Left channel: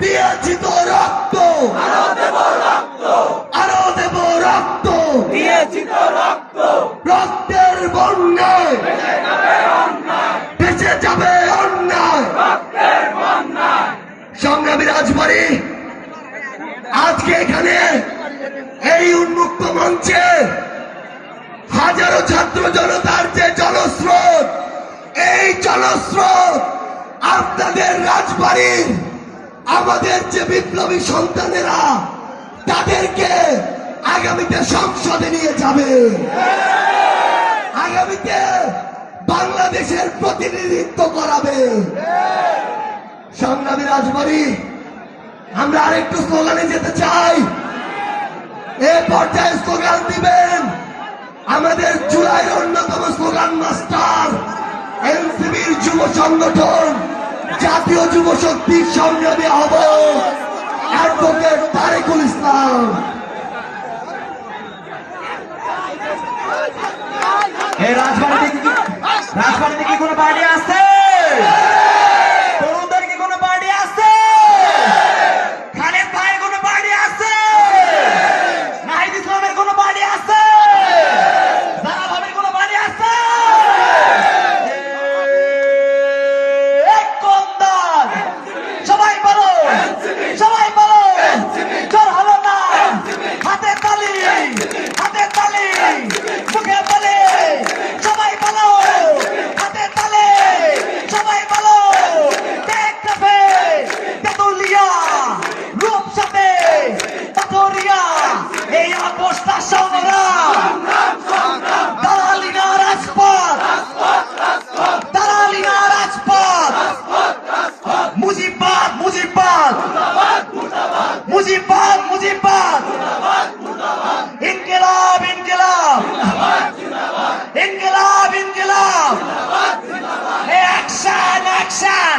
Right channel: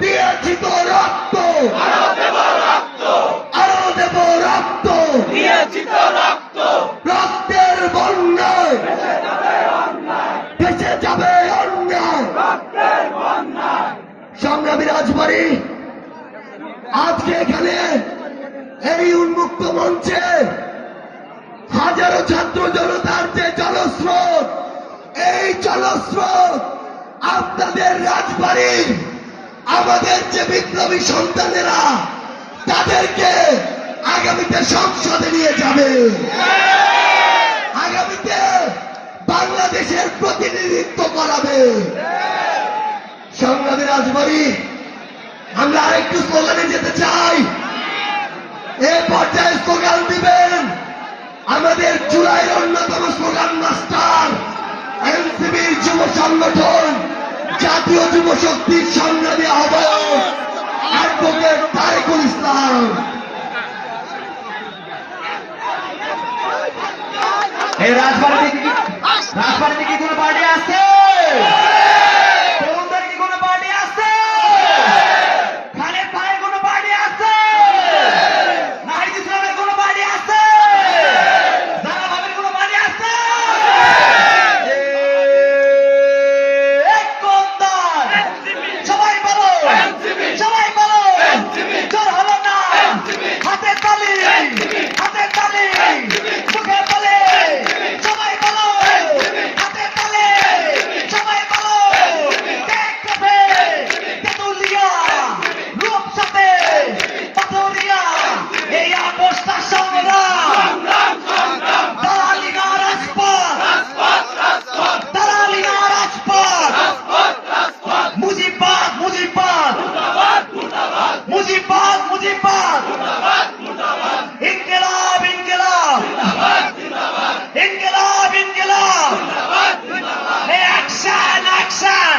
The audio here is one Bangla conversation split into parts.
দিয়েছি তো রক্ত, আরো দেব রক্ত, রক্তের বন্যায় ভেসে যাবে অন্যায়। সংগ্রামী রাজবাড়ী, আজকে এখানে এই উন্মুক্ত মঞ্চে হাজারো ছাত্র জনতার যে জনস্রোত, এই জনস্রোত আপনাদের রাজবাড়ির আমাদের যে বিপ্লবী সন্তানেরা তাদেরকে আগামীতে সংসদে নিয়ে যাবে, আগামীতে বাংলাদেশের প্রতিনিধিত্ব করাবে। সংগ্রামী রাজবাড়ী, আমরা আরেকটু স্লোগানে যেতে চাই। এই পর্যায়ে স্লোগান দিবেন আমাদের জুলাইয়ের অন্যতম স্লোগান মাস্টার, এনসিপির যুব সংগঠন, জাতীয় যুব শক্তির সংগ্রামী আহ্বায়ক অ্যাডভোকেট তারেকুল ইসলাম। এই রাজবাড়িতে কি কোনো পার্টি আছে? তরুণদের কি কোনো পার্টি আছে? খালেদ ভাইয়ের কোনো পার্টি আছে? নাহিদ ইসলামের কোনো পার্টি আছে? জানা ভাবির কোনো পার্টি আছে? সবাই বলো, সবাই বলো, জোর হলো না, হাতে তালি, হাতে তালি, মুখে বলে, সবাই বলো, হাতে তালে, সবাই বলো, দেখতে তেতুলিয়া, রূপসাতে, পাথরিয়া, এই আপোষটা সংগ্রাম, দালালি না রাজপথ, দালালি না রাজপথ, মুজিবাদ, মুজিবাদ, মুজিবাদ, মুজিবাদ, ইনকিলাব, ইনকিলাব, ইনকিলাব, ইনকিলাব, অ্যাকশন, অ্যাকশন,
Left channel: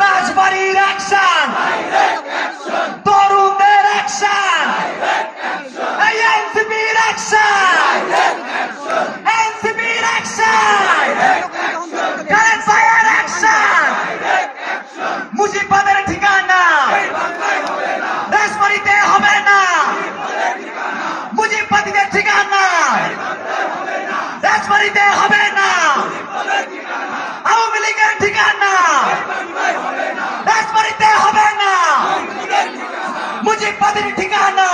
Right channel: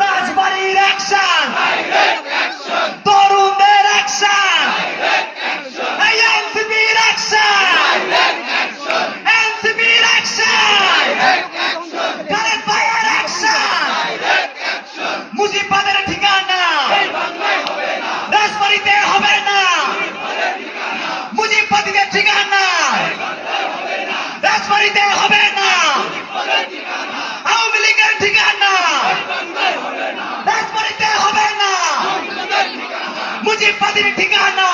রাজবাড়ির অ্যাকশন, তরুণদের অ্যাকশন, এই এনসিপির অ্যাকশন, এনসিপির অ্যাকশন, খালেদ ভাইয়ের অ্যাকশন, মুজিবাদের ঠিকানা রাজবাড়িতে হবে না, মুজিববাদীদের ঠিকানা রাজবাড়িতে হবে না, আওয়ামী লীগের ঠিকানা রাজবাড়িতে হবে না, মুজিববাদীর ঠিকানা